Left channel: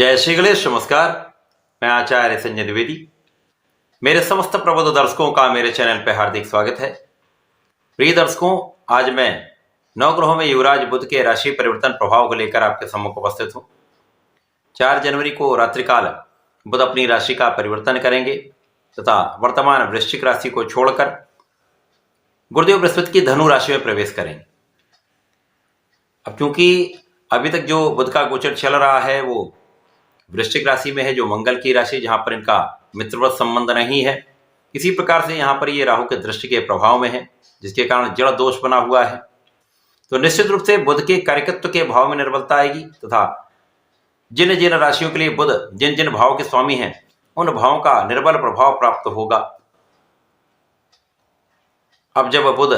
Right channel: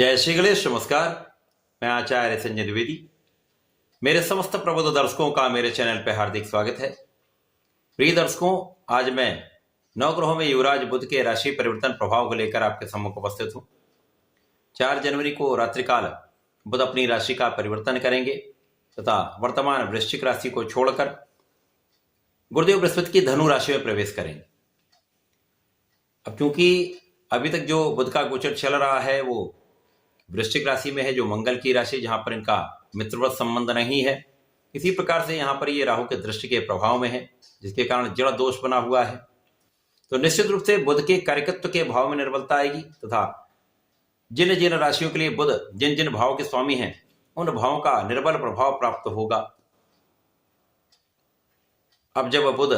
जय श्री गणेश। नमस्कार, मैं आचार्य संजय द्विवेदी। मेरे समस्त प्रबुद्ध दर्शकों का मेरे चैनल पर हार्दिक स्वागत है। प्रिय दर्शकों, आज मैं नवग्रहों में युवराज बुध के राशि परिवर्तन प्रभाव को लेकर आपके सम्मुख उपस्थित हूं। 4 जनवरी को रात्रिकाल बुध अपनी राशि का परिवर्तन करेंगे तथा वर्तमान वृश्चिक राशि को छोड़कर गुरुदेव बृहस्पति की धनु राशि में प्रवेश करेंगे। अब क्योंकि अभी तक जो बुध का गोचर चल रहा है वो वृश्चिक राशि में है, जो मंगल की राशि, जहां पर इनका मित्रवत संबंध नहीं है। इसी प्रकार से यहां पर ये राहु के दृष्टि के प्रभाव में है, जिसके कारण जड़ दोष बना हुआ है। तो निश्चित रूप से बुध के कारकत्व के भाव में निर्बलता आएगी तथा जिन जिन राशियों के लिए बुध जिन जिन भाव के स्वामी हैं उन भावों का निर्बल प्रभाव प्राप्त होगा। अब जब बुध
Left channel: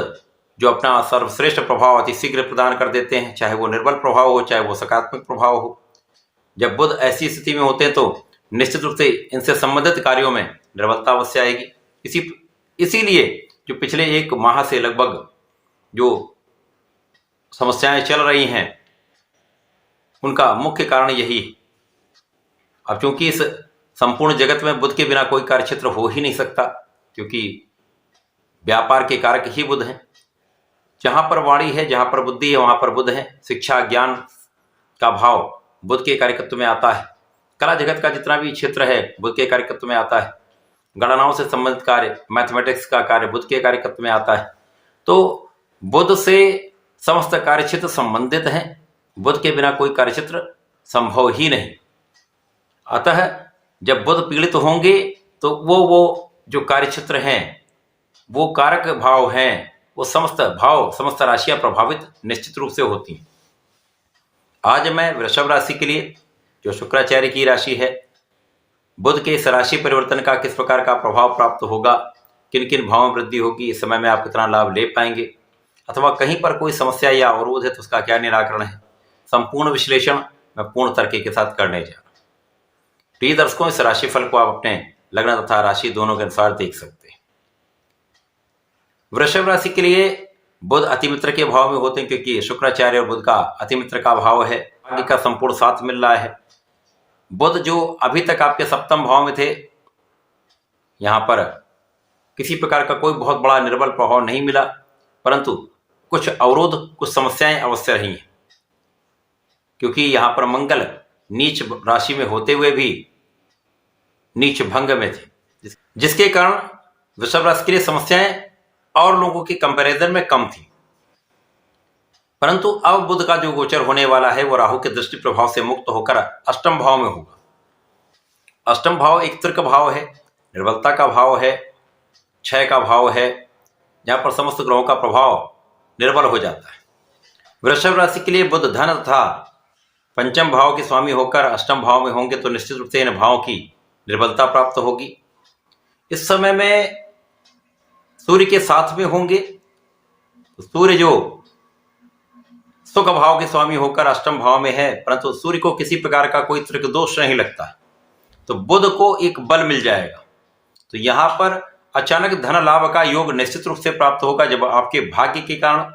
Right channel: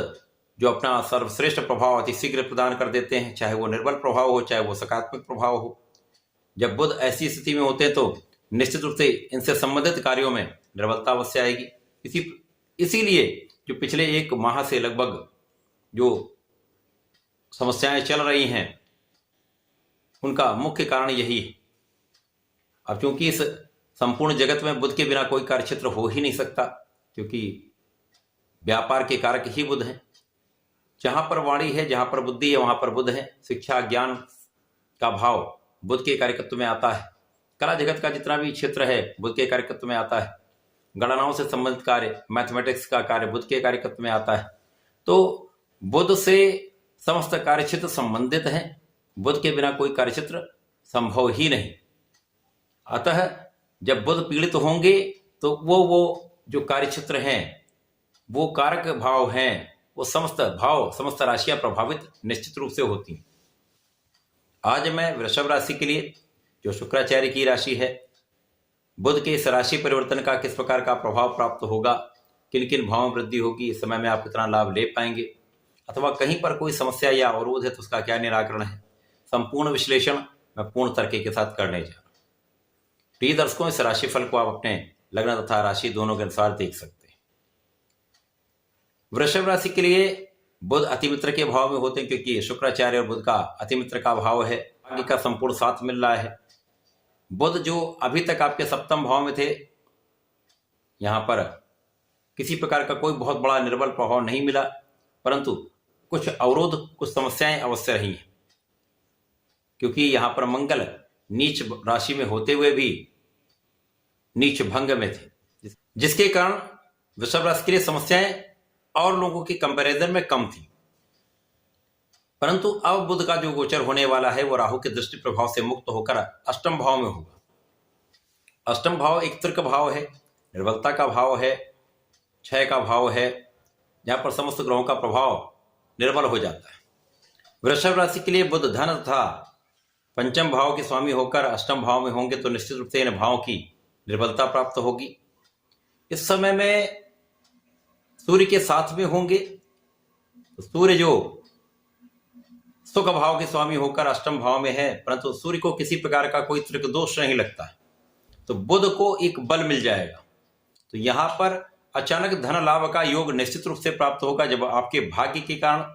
जो अपना सर्वश्रेष्ठ प्रभाव अति शीघ्र प्रदान कर देते हैं, चाहे वो निर्बल प्रभाव हो चाहे वो सकारात्मक प्रभाव हो, जब बुध ऐसी स्थिति में होते हैं तो निश्चित रूप से इनसे संबंधित कार्यों में निर्बलता अवश्य आएगी। इसीलिए जो पिछले 1 माह से लगभग जो समस्याएं चल रही हैं उनका मुख्य कारण यही है। अब क्योंकि इस संपूर्ण जगत में बुध के बिना कोई कार्यक्षेत्र हो ही नहीं सकता, क्योंकि व्यापार के कारक ही बुध हैं। जहां पर वाणी है, जहां पर बुद्धि है, वहां पर बुध है। शिक्षा ज्ञान का भाव बुध के कार्यकत्व में आता है। कला जगत का जितना भी क्षेत्र है बुध के कार्यकत्व में आता है। गणनाओं से संबंधित कार्य, मैथमेटिक्स का कार्य बुध के कार्यकत्व में आता है। तो बुध से समस्त कार्यक्षेत्र संबंधित हैं। बुध के बिना कोई कार्यक्षेत्र संभव ही नहीं। अतः जब बुध पीड़ित होंगे तो वो जो कार्यक्षेत्र हैं, वो कारक भाव हैं, वो समस्त भाव, समस्त राशियां प्रभावित निश्चित रूप से होती हैं। आज मैं वृषभ राशि के लिए, जो शुक्राचार्य की राशि है, बुध के इस राशि परिवर्तन का किस प्रकार का प्रभाव प्राप्त होगा, किन किन भावों में वृद्धि होगी, इस समय में आप कितना लाभ ले पाएंगे, अथवा कहीं पर कोई समस्या या अवरोध है तो उसका क्या निराकरण है, संपूर्ण विश्लेषण मैं पूर्ण तर्क के साथ करने जा रहा हूं। प्रिय दर्शकों, इस राशिफल को आप अपने लग्न तथा राशि दोनों के अनुसार देख सकते हैं। वृषभ राशि के लिए बुध अतिमित्र के भाव में होते हैं, क्योंकि शुक्राचार्य और बुध का अतिमित्र का भाव है। भाग्य का संपूर्ण साथ मिल रहा है। बुध जो अभी तक आपके सप्तम भाव में थे, यहां पर किसी प्रकार का कोई बहुत बड़ा निर्बल प्रभाव नहीं मिला, परंतु कुछ अवरोध, कुछ समस्याएं अवश्य रही हैं, क्योंकि यहां पर मंगल नीच राशि में होते हुए भी नीच भंग में थे, जिसके कारण वृषभ राशि के लिए समस्याएं और लोगों की कंपैरिजन में कम थी। परंतु अब बुध का जो गोचर होने वाला है वो राहु के दृष्टि प्रभाव से मुक्त होकर अष्टम भाव में होगा। अष्टम भाव एक तर्क भाव है, निर्बलता का भाव है, क्षय का भाव है, जहां पर समस्त ग्रहों का प्रभाव निर्बल हो जाता है। वृषभ राशि के लिए बुध धन तथा पंचम भाव के स्वामी होकर अष्टम भाव में होंगे तो निश्चित रूप से इन भावों की निर्बलता प्राप्त होगी। इस समय में सूर्य के साथ में होंगे तो सूर्य जो सुख भाव के स्वामी होकर अष्टम भाव में है, परंतु सूर्य को किसी प्रकार का कोई त्रिक दोष नहीं लगता है, तो बुध को एक बल मिल जाएगा। तो यहां पर अचानक धन लाभ का योग निश्चित रूप से प्राप्त होगा, जब आपके भाग्य के कारण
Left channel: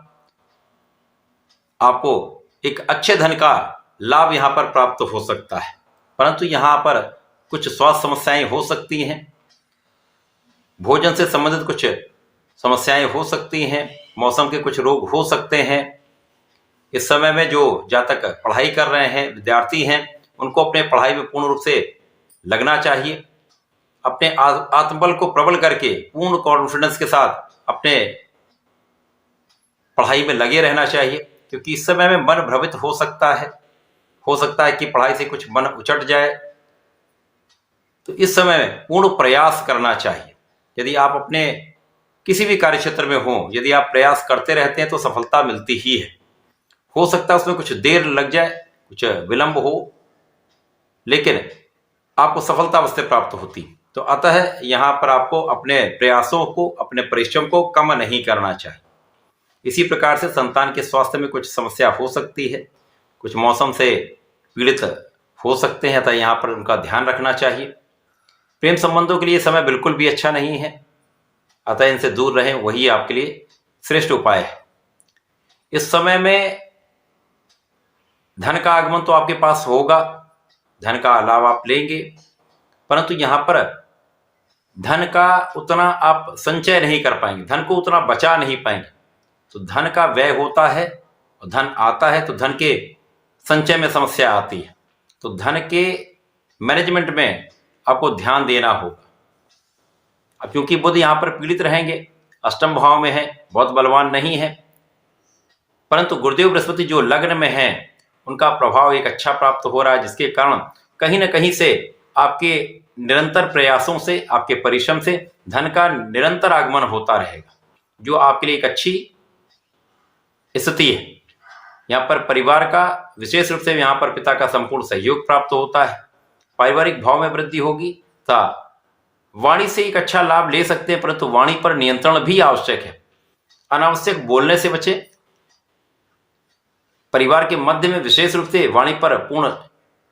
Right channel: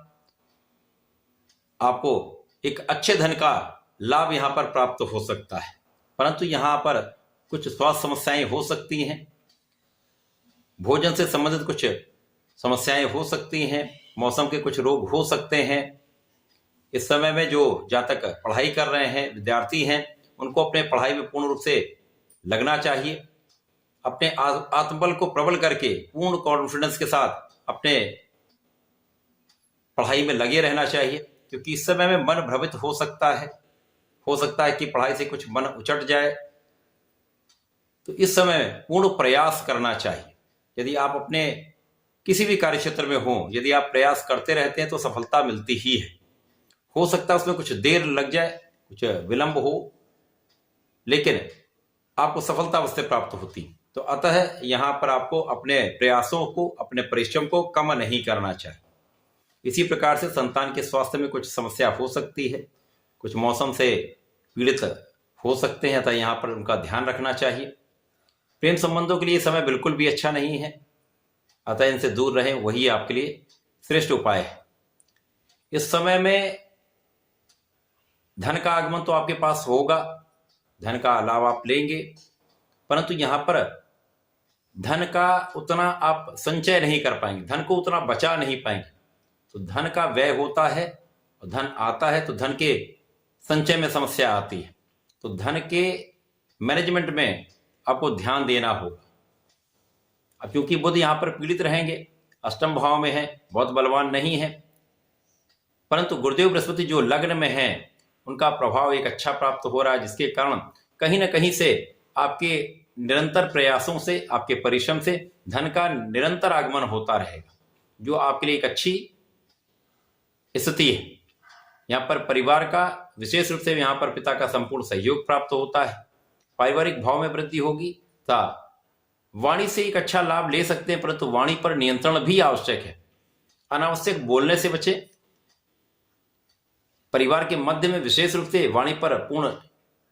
आपको एक अच्छे धन का लाभ यहां पर प्राप्त हो सकता है। परंतु यहां पर कुछ स्वास्थ्य समस्याएं हो सकती हैं, भोजन से संबंधित कुछ समस्याएं हो सकती हैं, मौसम के कुछ रोग हो सकते हैं। इस समय में जो जातक पढ़ाई कर रहे हैं, विद्यार्थी हैं, उनको अपने पढ़ाई में पूर्ण रूप से लगना चाहिए। अपने आत्मबल को प्रबल करके पूर्ण कॉन्फिडेंस के साथ अपने पढ़ाई में लगे रहना चाहिए, क्योंकि इस समय में मन भ्रमित हो सकता है कि पढ़ाई से कुछ मन उचट जाए। तो इस समय में पूर्ण प्रयास करना चाहिए। यदि आप अपने किसी भी कार्य क्षेत्र में हो, यदि आप प्रयास करते रहते हैं तो सफलता मिलती ही है। हो सकता है उसमें कुछ देर लग जाए, कुछ विलंब हो, लेकिन आपको सफलता अवश्य प्राप्त होती। तो अतः यहां पर आपको अपने प्रयासों को, अपने परिश्रम को कम नहीं करना चाहिए। इसी प्रकार से संतान के स्वास्थ्य में कुछ समस्या हो सकती है, कुछ मौसम से पीड़ित हो सकते हैं, अतः यहां पर उनका ध्यान रखना चाहिए। प्रेम संबंधों के लिए समय बिल्कुल भी अच्छा नहीं है, अतः इनसे दूर रहें, वही आपके लिए श्रेष्ठ उपाय है। इस समय में धन का आगमन तो आपके पास होगा, धन का लाभ आप लेंगे, परंतु यहाँ पर धन का उतना आप संचय नहीं कर पाएंगे, धन को उतना बचा नहीं पाएंगे। तो धन का व्यय होता है और धन आता है तो धन के संचय में समस्या आती है। तो धन के मैनेजमेंट में आपको ध्यान देना होगा। अब क्योंकि बुध यहाँ पर पीड़ित रहेंगे, अष्टम भाव में है, बहुत बलवान नहीं है, परंतु गुरुदेव बृहस्पति जो लग्न में है उनका प्रभाव एक अच्छा प्राप्त हो रहा है, जिसके कारण कहीं न कहीं से आपके निरंतर प्रयासों से, आपके परिश्रम से धन का निरंतर आगमन होता रहेगा, जो आपके लिए एक अच्छी स्थिति है। यहाँ पर परिवार का विशेष रूप से यहाँ पर पिता का संपूर्ण सहयोग प्राप्त होता है, पारिवारिक भाव में वृद्धि होगी तथा वाणी से एक अच्छा लाभ ले सकते हैं, परंतु वाणी पर नियंत्रण भी आवश्यक है। अनावश्यक बोलने से बचें। परिवार के मध्य में विशेष रूप से वाणी पर पूर्ण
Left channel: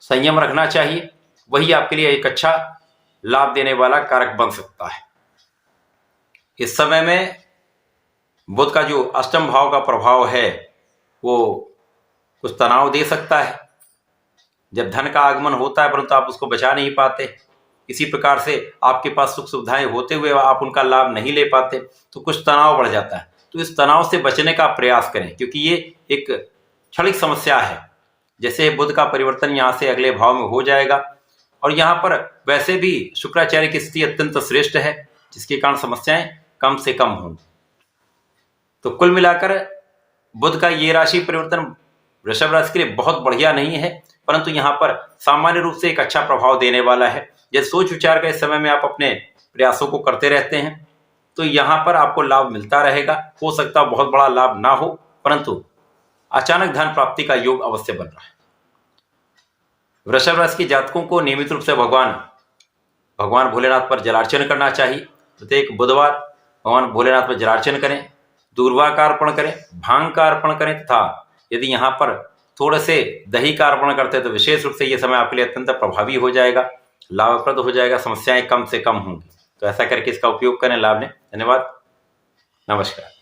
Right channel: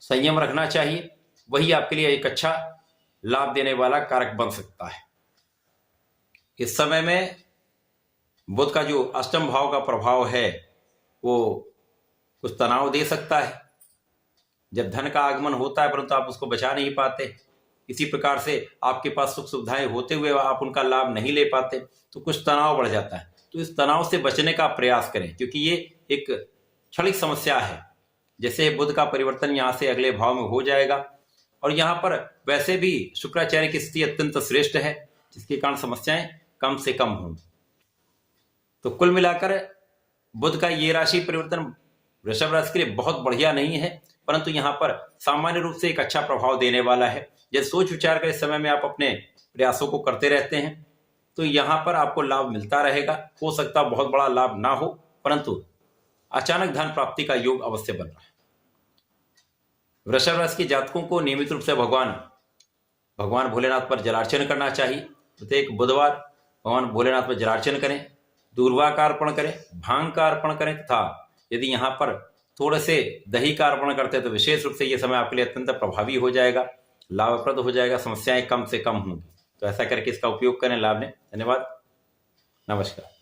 संयम रखना चाहिए, वही आपके लिए एक अच्छा लाभ देने वाला कारक बन सकता है। इस समय में बुध का जो अष्टम भाव का प्रभाव है वो कुछ तनाव दे सकता है। जब धन का आगमन होता है परंतु आप उसको बचा नहीं पाते, इसी प्रकार से आपके पास सुख सुविधाएं होते हुए आप उनका लाभ नहीं ले पाते, तो कुछ तनाव बढ़ जाता है। तो इस तनाव से बचने का प्रयास करें, क्योंकि ये एक क्षणिक समस्या है। जैसे बुध का परिवर्तन यहाँ से अगले भाव में हो जाएगा और यहाँ पर वैसे भी शुक्राचार्य की स्थिति अत्यंत श्रेष्ठ है, जिसके कारण समस्याएं कम से कम होंगी। तो कुल मिलाकर बुध का ये राशि परिवर्तन वृषभ राशि के लिए बहुत बढ़िया नहीं है, परंतु यहाँ पर सामान्य रूप से एक अच्छा प्रभाव देने वाला है। जैसे सोच विचार का इस समय में आप अपने प्रयासों को करते रहते हैं तो यहाँ पर आपको लाभ मिलता रहेगा। हो सकता है बहुत बड़ा लाभ ना हो, परंतु अचानक धन प्राप्ति का योग अवश्य बन रहा है। वृषभ राशि के जातकों को नियमित रूप से भगवान भोलेनाथ पर जलार्चन करना चाहिए। प्रत्येक बुधवार भगवान भोलेनाथ पर जलार्चन करें, दूर्वा का अर्पण करें, भांग का अर्पण करें तथा यदि यहाँ पर थोड़े से दही का अर्पण करते हैं तो विशेष रूप से ये समय आपके लिए अत्यंत प्रभावी हो जाएगा, लाभप्रद हो जाएगा, समस्याएं कम से कम होंगी। तो ऐसा करके इसका उपयोग करें लाभ लें। धन्यवाद, नमस्कार।